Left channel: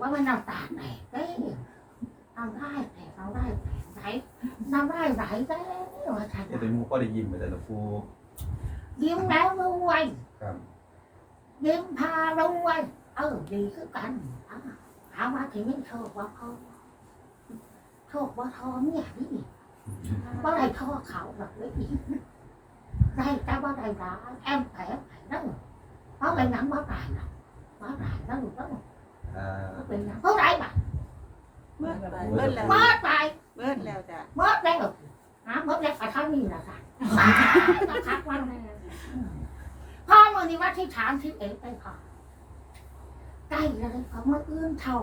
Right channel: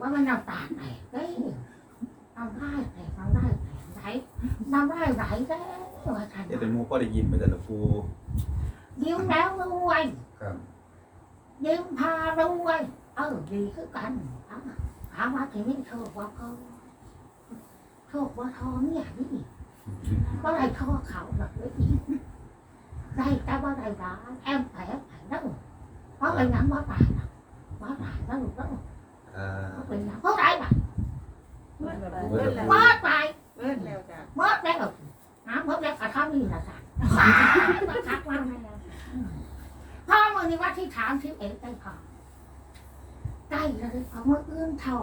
ว่ามันน้ำตาแตกเด้น้ำได้แตกน้ำได้แตกไหลน้ำได้ไหลเด้ว่าท่านเดี๋ยวเป็นหมูก็ได้ยินไปแต่ละปูยิ้มแล้วรวยครับยิ้มพารวยเออดีคือกันอะถามว่าทีนี้โชคว่าเขาโชคว่าทอเนี่ยนี่ว่าไรทอเขาหรอกเลยได้แต่ว่าไรร้ายแอมแผลแผลนั่นเพราะอะไรหนังว่าตายนะว่าตายแล้วหนูต้องอ่า เขาเป็นหนังเพราะไรบ้างเบิ้ลแล้วว่าตายเบิ้ลแล้วจ้ะเมื่อแล้วหาเมื่อแล้วก็เท่านี้แหละค่ะมาทักวันพ่อมื่อนี้ว่าที่ถามที่เอ๋ได้พอใกล้เลยพอเมื่ออื่นเท่า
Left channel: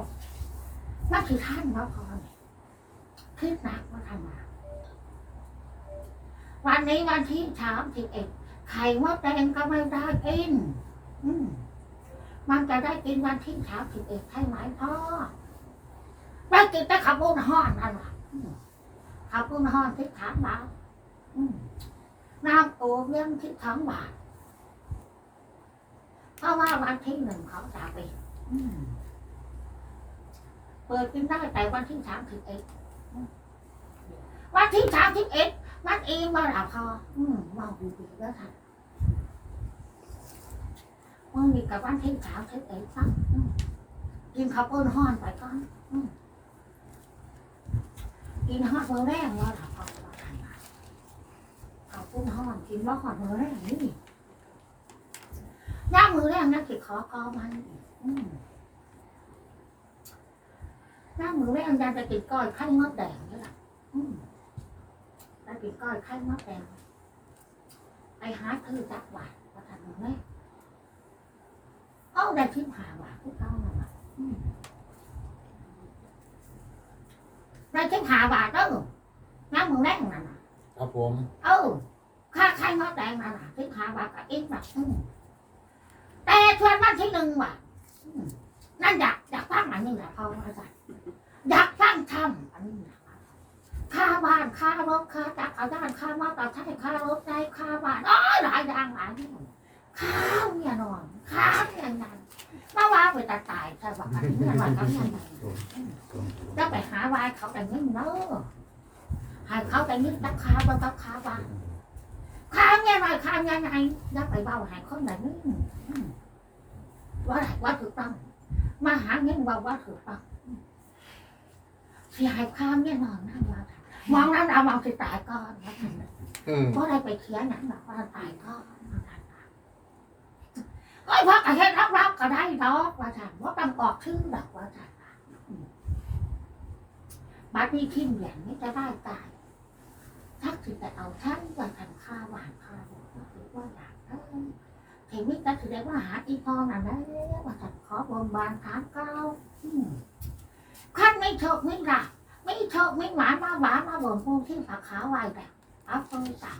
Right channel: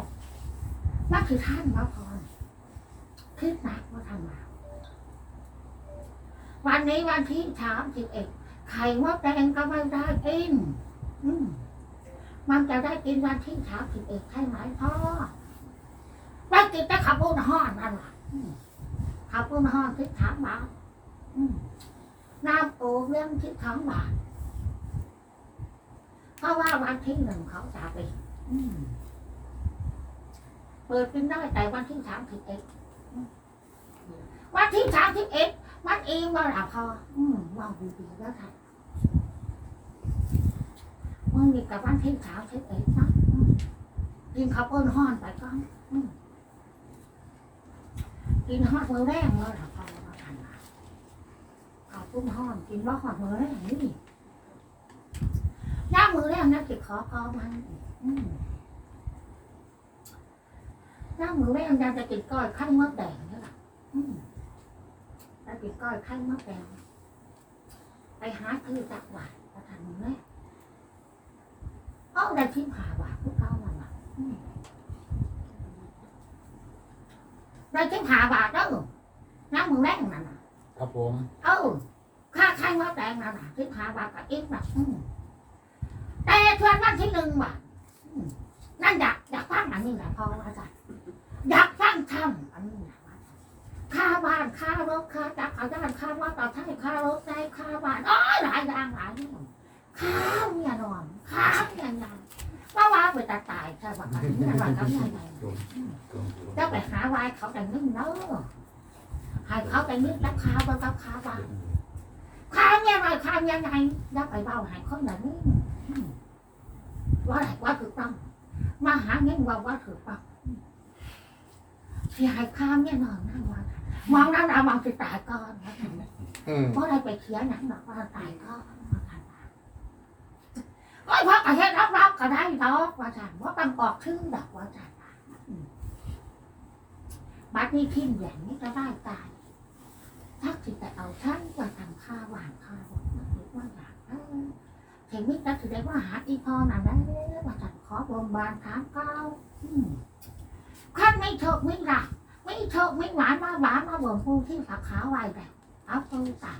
ว่าคือท่านว่าพอคิดหนักว่าทำมาวันนี้วันที่ถามที่เอ็ดไข่มดแดงก็ไม่ได้กินอืม มันจะได้กินวันที่ถามที่เอ็ดใช่ไหมพ่อได้กินแต่ขับบุญห้อนนั่นแหละขับปุ้นห้อนที่ถามบาทน้ำโอเลี้ยงที่ถามบาทเพราะว่าวันที่หนึ่งเขาจะไปอืมเปิดกินได้แต่วันที่สามสิบเอ็ดวันที่สามสิบเอ็ดมันเองมาแล้วพอมมองดีๆแล้วค่ะ มันมีกับวันที่สามสิบเอ็ดนะอืมกินข้าวปุ้นห้อนไปก่อนกินฮอดมือแรงมาแล้วพอว่าทานมาข้าวปุ้นห้อนกินว่าหอดมือแรงนี่ย่ามือแรงนั่นคือขอกอมันย่ามือแรงยังจะกินก้อยไข่มดแดงนี่แหละจะกินก้อยไข่มดแดงไปหาซื้อจักหวานมาทานมือแรงเอา ได้ทิมหาหวานพวกเก้ามาหวานอืมได้ชิมหาบาทเด้อน้ำมึงแรงนั่นน่ะ ครับผม เออค่าไข่มดแดงนั่นน่ะชิมหาบากับอีกแบบแต่ชวนวันที่หนึ่งบาทอืมนั่นอยากอยากฟังอันนี้แหละพอว่าจัดอยากฟังทำอันนี้แหละว่าจัดค่าบ้านค่ารถค่าจักรยานค่ามอเตอร์ไซค์ค่ารถได้ค่าบ้านอ๋อหลายอย่างหลายอย่างข้าวเนี่ยนอน ข้าวเนี่ยนอนว่าว่าไปตายตายใช่ป่ะอันนี้เนี่ยว่าเขาเนี่ยนอนจะไปหาวายเขาแต่นึ่งเนอะให้เขาแต่นึ่งตักข้าวไปตักข้าวไปข้าวเนี่ยหน่อยข้าวเนี่ยไงอย่าไปเบาใหายคนแบบนี้ว่าอะไรว่าถูกต้องมาหาเงินว่าว่าถูกต้องเสียหายข้าวเนี่ยนอยนั่งว่ามองนั้นเรามองสิตายก่อนเพราะอะไรไปเขียนหนังบอกว่าตายก่อน ก็พราะอะไรรับรับก็ได้ดอกว่าฉันว่าต้องออกชื่อดอกว่าฉันบัดนี้ทิมอย่างนี้จะได้ตายทักสิแต่เอาท่านว่าทำข้าหวานข้าวหรือว่าอยากเออชีวิตก็ถือได้ว่าหาอีพอนั่นได้ว่าจัดขอบนบานถามเก้าขั้นไม่เถกไม่หลักไม่เถกไม่หวานมาหวานมาบ่นปูที่ผักขาวไว้แต่เอาคนสั่ง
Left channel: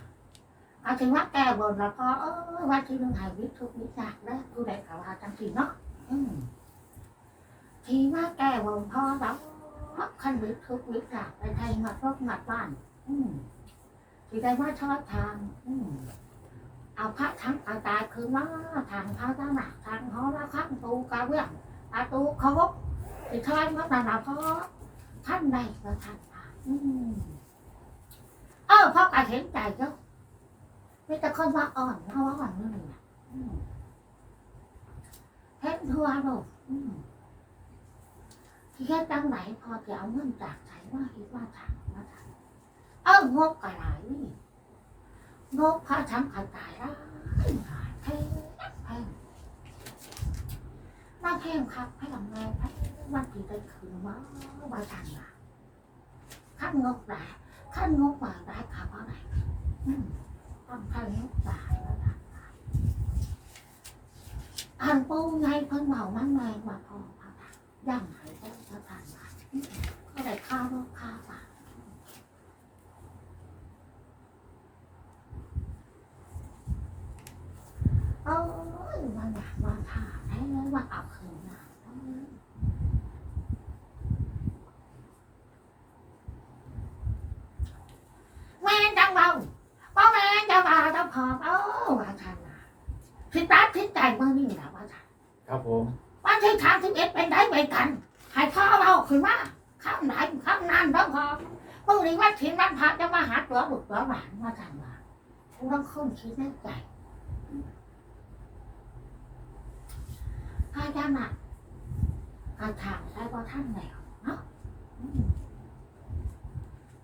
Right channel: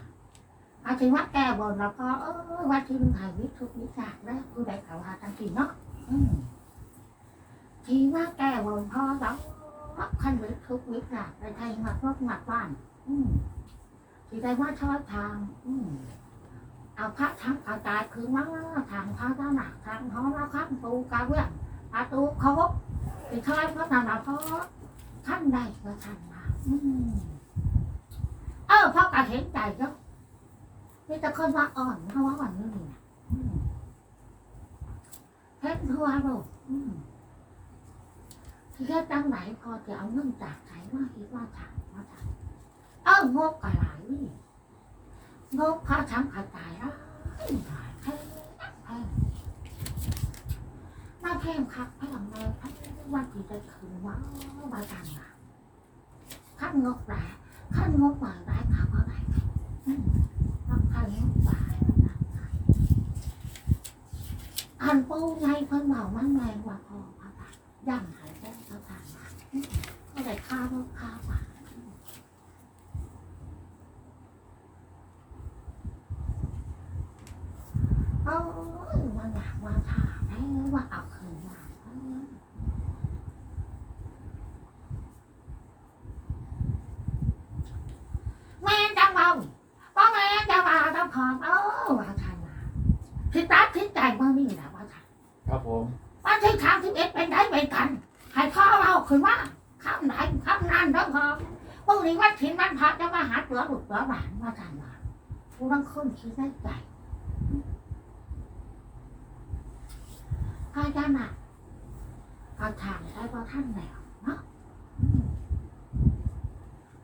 อาถึงว่าแก้บนแล้วก็เออวันที่มึงหายวิทุกวิจากแล้วกูได้ข่าวว่าจังทีเนาะทีว่าแก้บนพ่อแล้วพักขั้นวิทุกวิจากไปไทยมาพบมาบ้าน อืมที่ได้ว่าชอบทาง อืมเอาพระทั้งเอาตายคือว่าทางพระเจ้าหนักทางห้องละข้างปูกาเวียนประตูเคารพที่ทอยเมื่อนานาเพราะท่านได้ก็ท่านมา อืมเออพ่อกาเห็นใจเนาะ มีแต่คนว่าอ่อนเขาว่าอ่อนนี่นะเห็นทั่วโลกอืมที่แค่ตั้งไหนพอจะเอาเงินจากไหนว่าคิดว่าทางว่าทางเอ้างบกระไรนี่งบพระทั้งกระจายแล้วแพงแพงมาแพงคักแพงแม่แพงวันที่ได้คืนว่าว่าทางมาขั้นงบหลายขั้นงบมาได้ข่าวว่าไหนอืมต้อง นงบหลายว่าทางมาอันปูไงเพิ่นเมามันแรงกว่าพอว่าทางย่างหายได้พระทานมาก็ได้ค่าก็ค่ามาโอ้ยมาอยากมาถ่าได้เลยว่าเอาคืนมาแม่จังเบาพ่อแม่จะมาต้องพร้อมเอ้าว่าทานมาทิศตาทิศใจเมื่อนี่แหละว่าทาน ครับ ผมวันที่สามสิบเอ็ดเป็นได้เป็นกันใคขึ้นมาข้ามไหนข้ามนานต้องพอพรุ่งนี้วันถินวันพระจะมาหาตัวบุกตัวหลานมาจันว่ากูต้องค้นคิดในใจพระเจ้าน่ะกระถางได้ว่าท่านแล้วเนาะอืม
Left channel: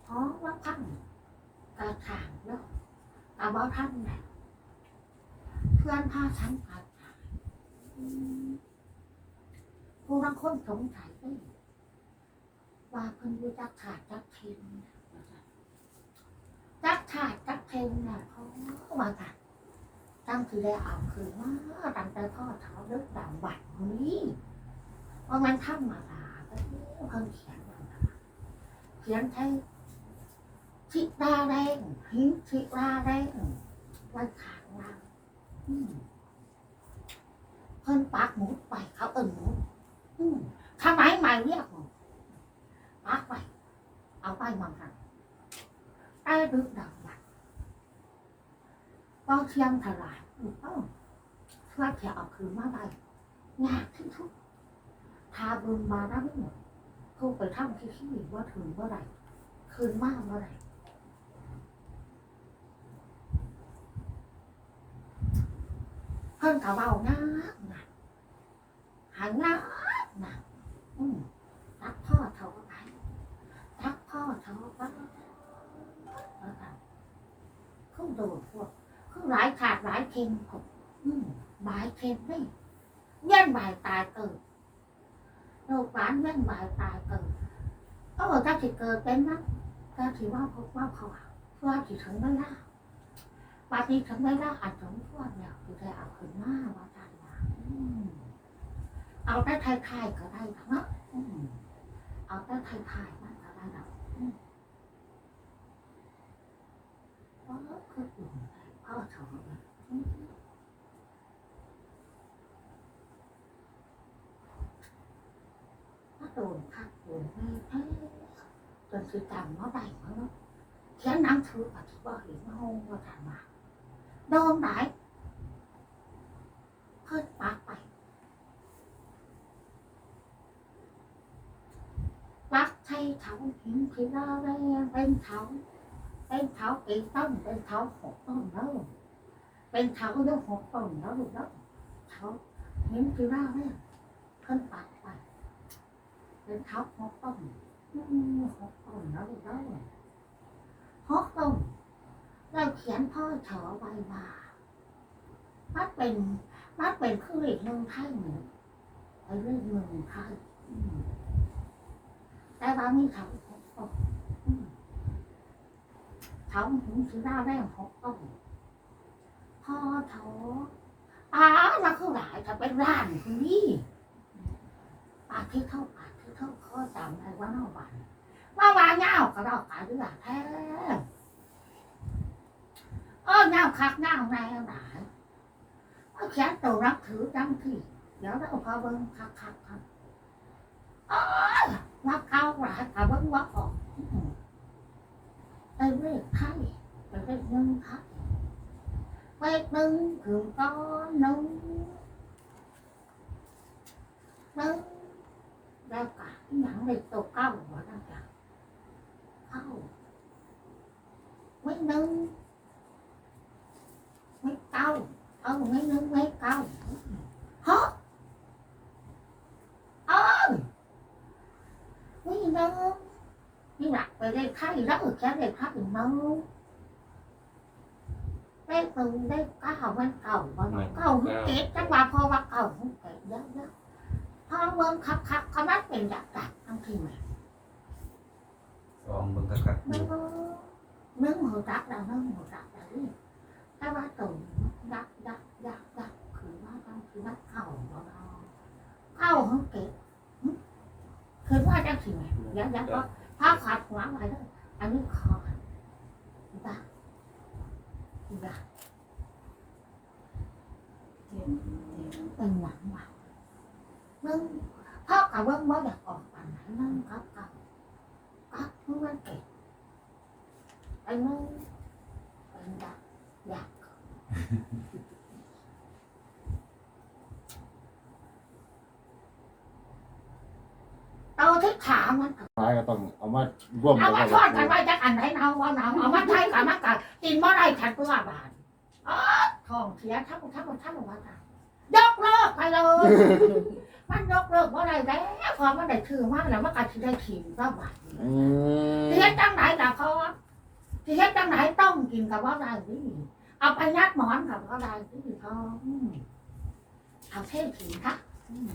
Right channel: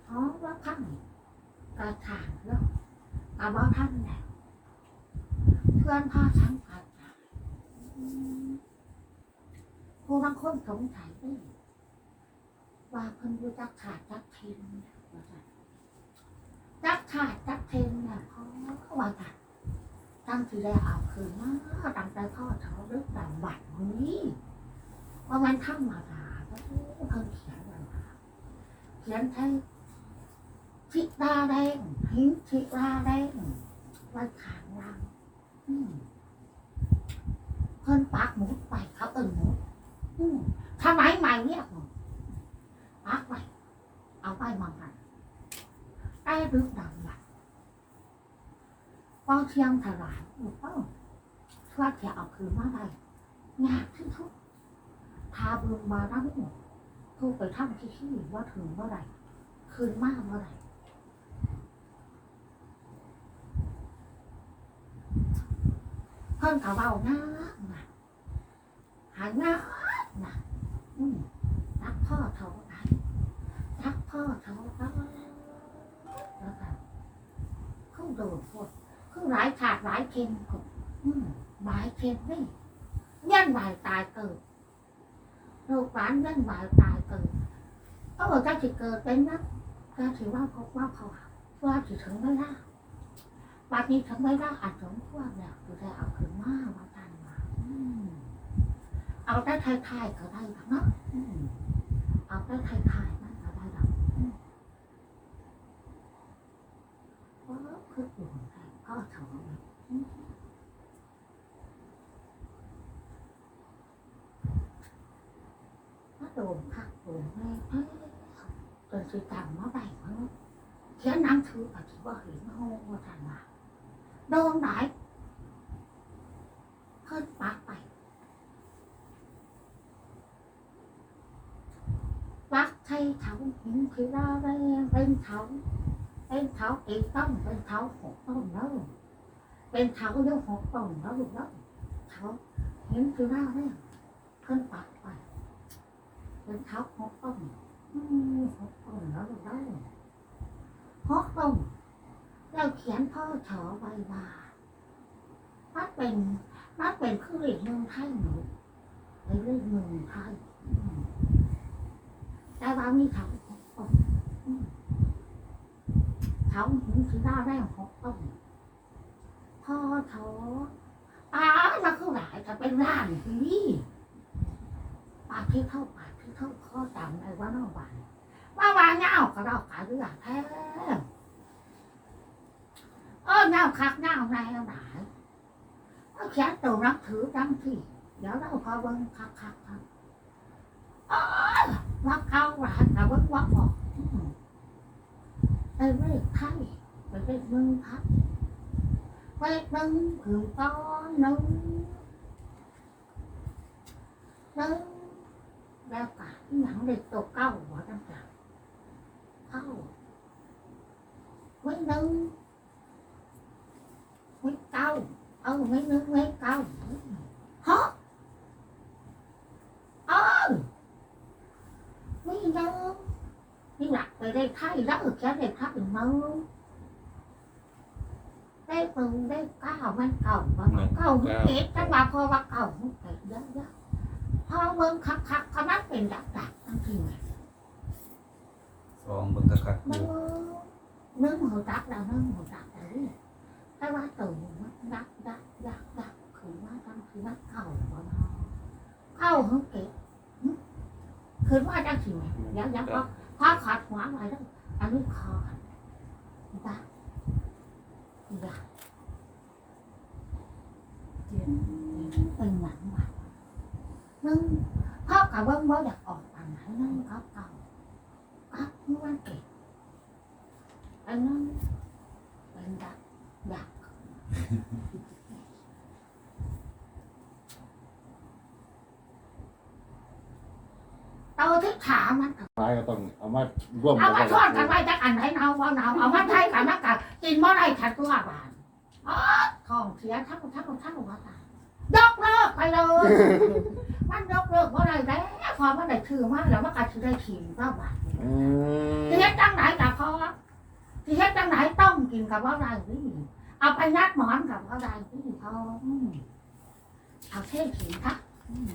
อ๋อว่าท่านกระถางแล้วกระบอกท่านแล้วเพื่อนพ่อฉันกระถา อืมกูต้องคนสงสัยไปว่าเพิ่นรู้จักขาดจักเทนว่าจักขาดจักเทนน่ะเพราะว่าจันตั้งที่ได้เอาคืนมาตั้งแต่พ่อเขาเลิกดังบัตรนี้ว่ามันธรรมดาก็เพิ่งเขียนไว้มาเขียนให้ทิดาแดงหินทิดาแดงไว้ขางล่างอืม เพิ่นปักหมุดไปเขาเอิ้นหมุดอืมทำไมไม่เรียกปักไป เอาไปมองกันไอ้ดึกดังบัตรพอเที่ยงถลายอยู่เอ้าช่วยจะเอาคืนมาได้ยากที่สุดทาบุญมาได้ไม่หมดทูไปทำที่ที่ว่าถึงเมื่อไหร่คืนมากเมื่อไหร่เพิ่นเขาเบาง่ายนะหาง่านะอืมรักพ่อเขาไปรักพ่อเขาไปแล้วกันเขาโดดพวกเขาหลายขาดหลายเค็มกบอืมหลายเค็มนี่ยันบายตายเกิดลูกหลานยันบายตายเกิดเออถ้าจะเกิดเป็นนะก็ถือว่าพบว่าเขาเพื่อจะถึงไม่ได้ บัดนี้ถึงไม่ได้อาจสมควรแล้วคือได้เอาขึ้นมาว่าทานว่าอืมเอาได้ไทยๆก็ได้ทั้งนั้นอืมเอาได้ไทยๆมันก็ได้ดอกอืมเพราะคืออยู่ในพ่อเขาเนี่ยอืมว่าโดนคักโดนแม่เอ้ยจนสิจำมาได้มั้งเขียนหนังถืออธิบายเห็นห้องว่าทานมา โดนไหนเพิ่นปากไปปักไทยเขาหินคือเราแรงเป็นเขาเป็นเขาเอกต้นเป็นเขาหกต้นแล้วเป็นเขาเยกหกต้นแล้วลูกแล้วเขาหินคือเราแรงเพิ่นปักไปเป็นเขาหกต้นอืมหกต้นแล้วลูกแล้วหกต้นเราเขียนพ่อถอใบมามันเป็นมันเป็นคือเรียกเมืองไทยหนูไปเรียกเมืองไทยแต่ว่ามีเขาเขาหินสีดาแดงหกต้นพ่อถออ้าเราคือหลายจะเป็นร้านนี่ปากที่เข้าปากที่เข้าข้อจำได้ว่าเน่าบานว่าว่าเงาก็เราขายด้วยแท้ เออเงาคักเงาในเอาหลายเอาแค่ตัวรับถือจังที่เดี๋ยวเราพอเบิ่งคักคักคักเออว่าเก้าหลานกับว่าว่าออกไปเรียกไทยไปเรียกมึงไทยไปมึงถึงก้อนนึงนึงแล้วกะหนังเด็กตัวเก้าหัวตั้งแต่เก้าไม่นึงไม่เก้า เอาไม่นึงไม่เก้าฮะเออนี่นะนี่หลักไปได้ค่ายแล้วแค่ได้ค่ายมั้งได้ปืนได้ก้าวมันเก่าบ่เนาะเก่าหุ่น เก็บจังว่าพอว่าเก่าหุ่นเก็บเยอะเยอะพอเมืองคักคักเขามันเป็นดักดักทั้งทีเลยสองเบิ่งกักๆมึดูงมึงหัวดักดักแล้วนี่แต่ว่าตัวมันดักดักดักดักคือว่าจังคือว่าเก่าบ่เนาะเก่าหุ่นเก็บคือว่าจังทีเลยยังยังก็ถ้าขาดหัวอะไรแล้วอันนี้คอบ้าบ้าเป็นหลังว่ะมึงพ่อกับเบิ้งบ่อยากออกปันไหนนั่งเขาเก่าก็มึงวันเก่งอันนั้น โตที่ขามันก็ท้ายก็ต้องเอามาร่วมเอากันมาทอดกันไว้จักอันไหนเอาว่าเอาเอามาไทยกันมากันกินบ่ได้ฉันก็ว่าบานอ๋อท้องเสียทั้งทั้งทั้งว่าตายยกเลิกไปเลย มันยกเลิกบ่ได้แล้วพอมันได้ถือมาแล้วมันก็สิได้ถิ่มก็บาดอืมสิเฮ็ดจังไหนล่ะพอสิเฮ็ดจังไหนต้องกินกับว่าได้นี่ เอาไปยัดหมอนกับว่าได้นี่พออืมเอาเท่ถิ่มค่ะอืม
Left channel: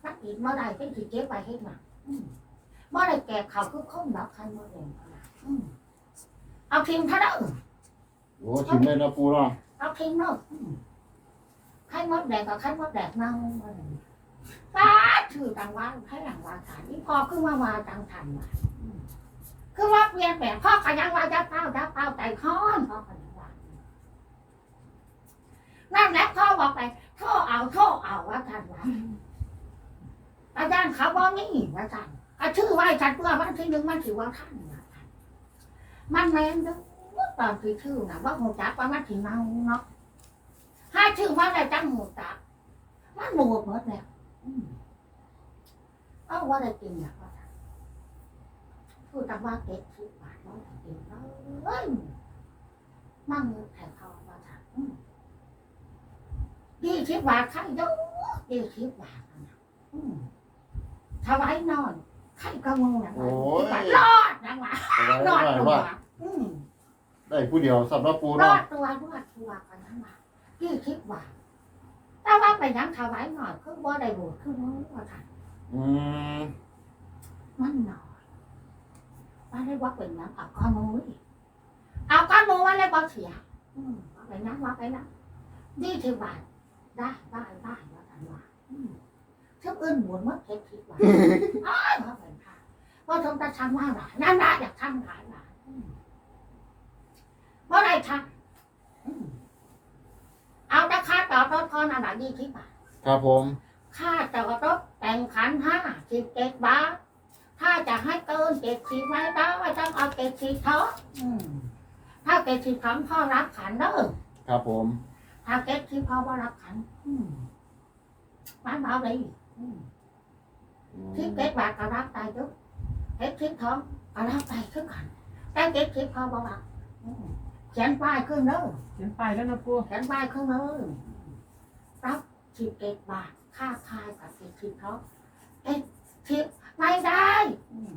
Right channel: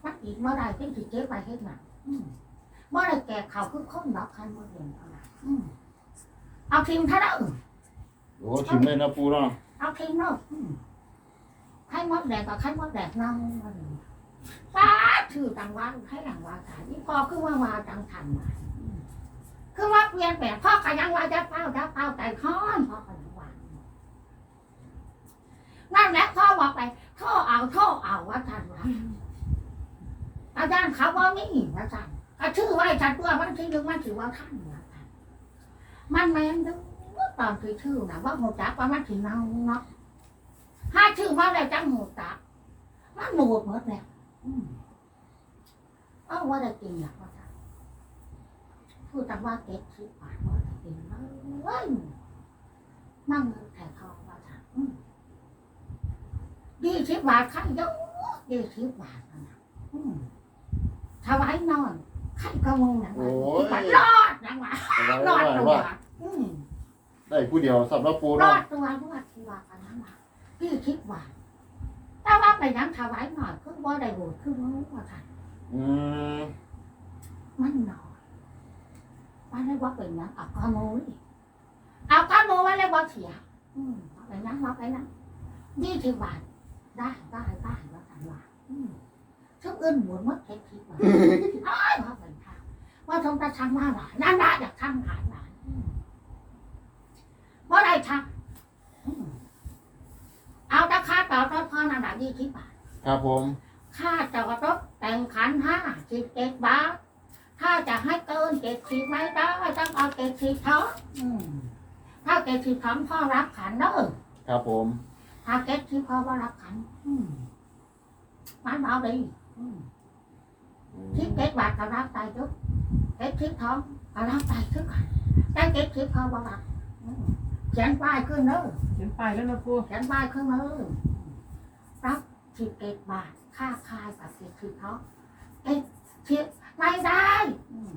ถ้ากินบ่ได้เป็นสิเก็บไปเฮ็ดหยังอืมบ่ได้แก่เขาคือคนดอกคันบ่เรียนเอาล่ะอืมเอาทิมเท่านั้นโอ้ชิมเลยนะปูเนาะเอาทิมเนาะอืมให้มดแดงกับให้มดแดงเน่ามาเลยป้าถือตังว่าให้หลังว่าขายนี่พอคือว่าว่าตังทันมาอืม คือว่าเปลี่ยนแปลงพ่อก็ยังว่าจะเป้าจะเป้าใจค้อนพ่อก็ยังว่านั่นแหละพ่อบอกไปโทษเอาโทษเอาว่าทันว่าอาจารย์เขาบอกนี่ว่าทันก็ชื่อว่าฉันตัวมันที่ดึงมันถือว่าท่านว่าทันมันแมนเด้อตอนที่ชื่อนะว่าหัวจักว่ามันถึงเน่าเนาะให้ชื่อว่าอะไรจังหัวจักมันหมดหมดแล้วอืมเอาว่าได้กินนะว่าทัน พูดแต่ว่าเก็บคิดบาทว่าได้กินเลยมั่งเงินแต่ทองว่าทันอืมยี่สิบบาทใครเยอะยี่สิบบาทนั่นนะถวายนอนใครก็งูนะโอ้ยบาทรอดนะวะเอารอดตัวได้ผู้เดียวสำหรับปูรอดตัวรอดตัวกันนั้นมาพี่คิดว่าแต่ว่าไปยังถวายหน่อยคือว่าได้บุญคือว่าว่าทันอืมมันหน่อย ว่าได้ว่าเป็นยังเอาก้อนมูนี่เอาก้อนมูว่าได้ว่าเสียอืมว่าไปนั้นว่าไปนั้นนี่ที่ว่าได้ได้ได้ว่าทันว่าอืมทุกอื่นหมุนมัดเท็จคิดว่าอ้ายว่าเป็นค่ะว่าทงจะทำว่าหลายนั่นได้อยากทำหลายหลายอืมว่าได้ทำอืมเอาราคาต่อรถพอนาหลายยี่สิบบาทครับผม ค่าจอดรถแต่งขันห้าสิบเจ็ดบาท ถ้าจะให้เกินเจ็ดสิบไม่ได้ต้องเอาเจ็ดสิบเท่าอืมถ้าเจ็ดสิบสองพ่อรับขันเด้อครับผมถ้าเจ็ดสิบพ่อว่ารับขัน อืมมันเบาดีอืมอืมสิบเจ็ดบาทก็รับไปทุกเจ็ดสิบทองก็รับไปทุกกันแต่เจ็ดสิบพ่อว่ารับอืมเขียนป้ายขึ้นเด้อ เขียนป้ายแล้วนะปูเขียนป้ายขึ้นเลยรับสิบเจ็ดบาท ค่าคายกับสิบสิบเขาเอ็ดสิบ ไม่ได้อืม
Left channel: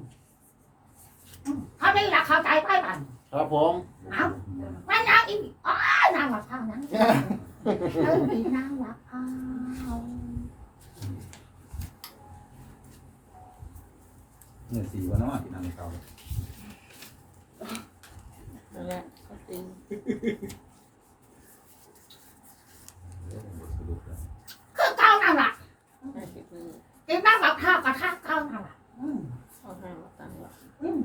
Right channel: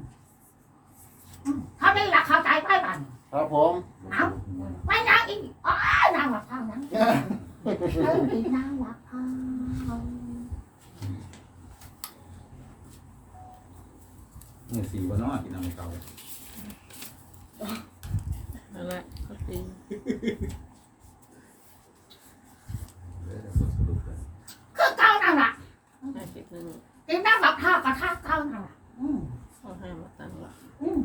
อืมเท่านี้ละเข้าใจไปบันครับผมเอาไม่นางอีกอ๋อนางหลับเท่านั้นเออดีนางหลับเท่าเมื่อสี่วันน้อกินน้ำเขานั่นแหละก็จริง เลยสรุปสรุปแล้ว คือเก้านั่นแหละ ห้าสิบหนึ่ง ดีนางหลับเท่ากับท่าเก้านั่นแหละอืม ข้อห้ามาตั้งหลัก อืม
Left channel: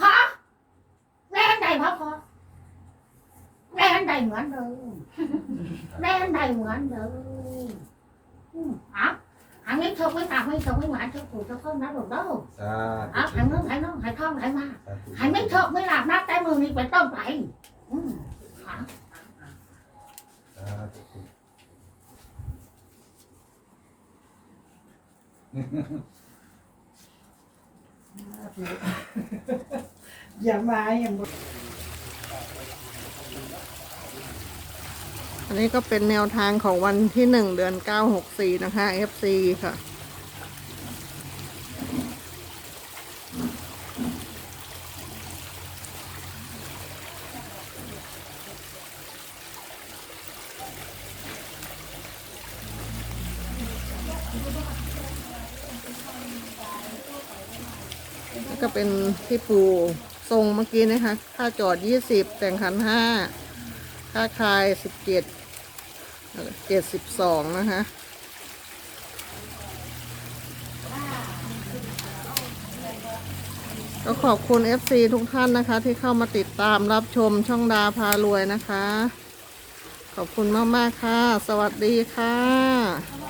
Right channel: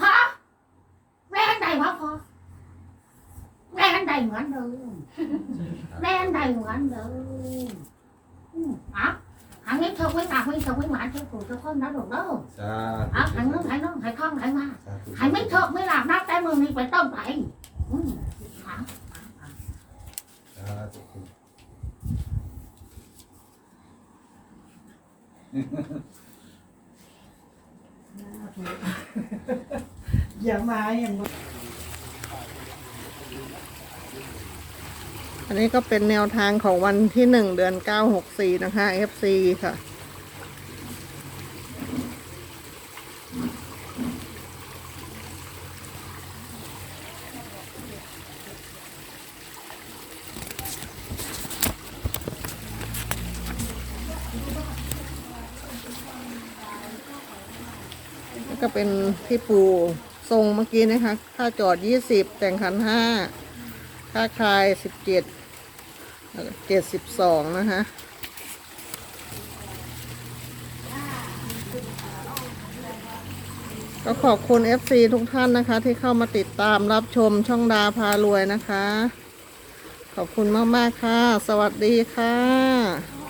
พอแรงใดพอพอ แรงใดเหมือนเดิมแรงใดเหมือนเดิมอืมเอะอันนี้เธอไม่ตามไม่เธอไม่หวานเธอผูกเธอเพิ่มนะลูกเด้อสาเอะธุหันมือหันน้องหันท้องหันมาสาธุหันไม่เถอะไม่หลับนับแต่มือนี้เป็นต้นไปอืมเอะสาธุอย่ามาอย่าง อันนี้ก็เป็นแนวทางของวันที่หนึ่งเดือนเก้าหกสี่นะคะ FC ค่ะแล้วก็เป็นที่ปูทรงเมื่อกี้นะคะ ค่าจอดยี่สิบแต่งคันห้า ค่าคายสิบเจ็ดเจ็ดสิบสองนะคะก็ขอบคุณ FC ทุกท่านนะคะ ที่เข้ามาติดตามรับชมช่องดาพารวยนะคะ ขอบคุณมาก ๆ ค่ะ สวัสดีค่ะ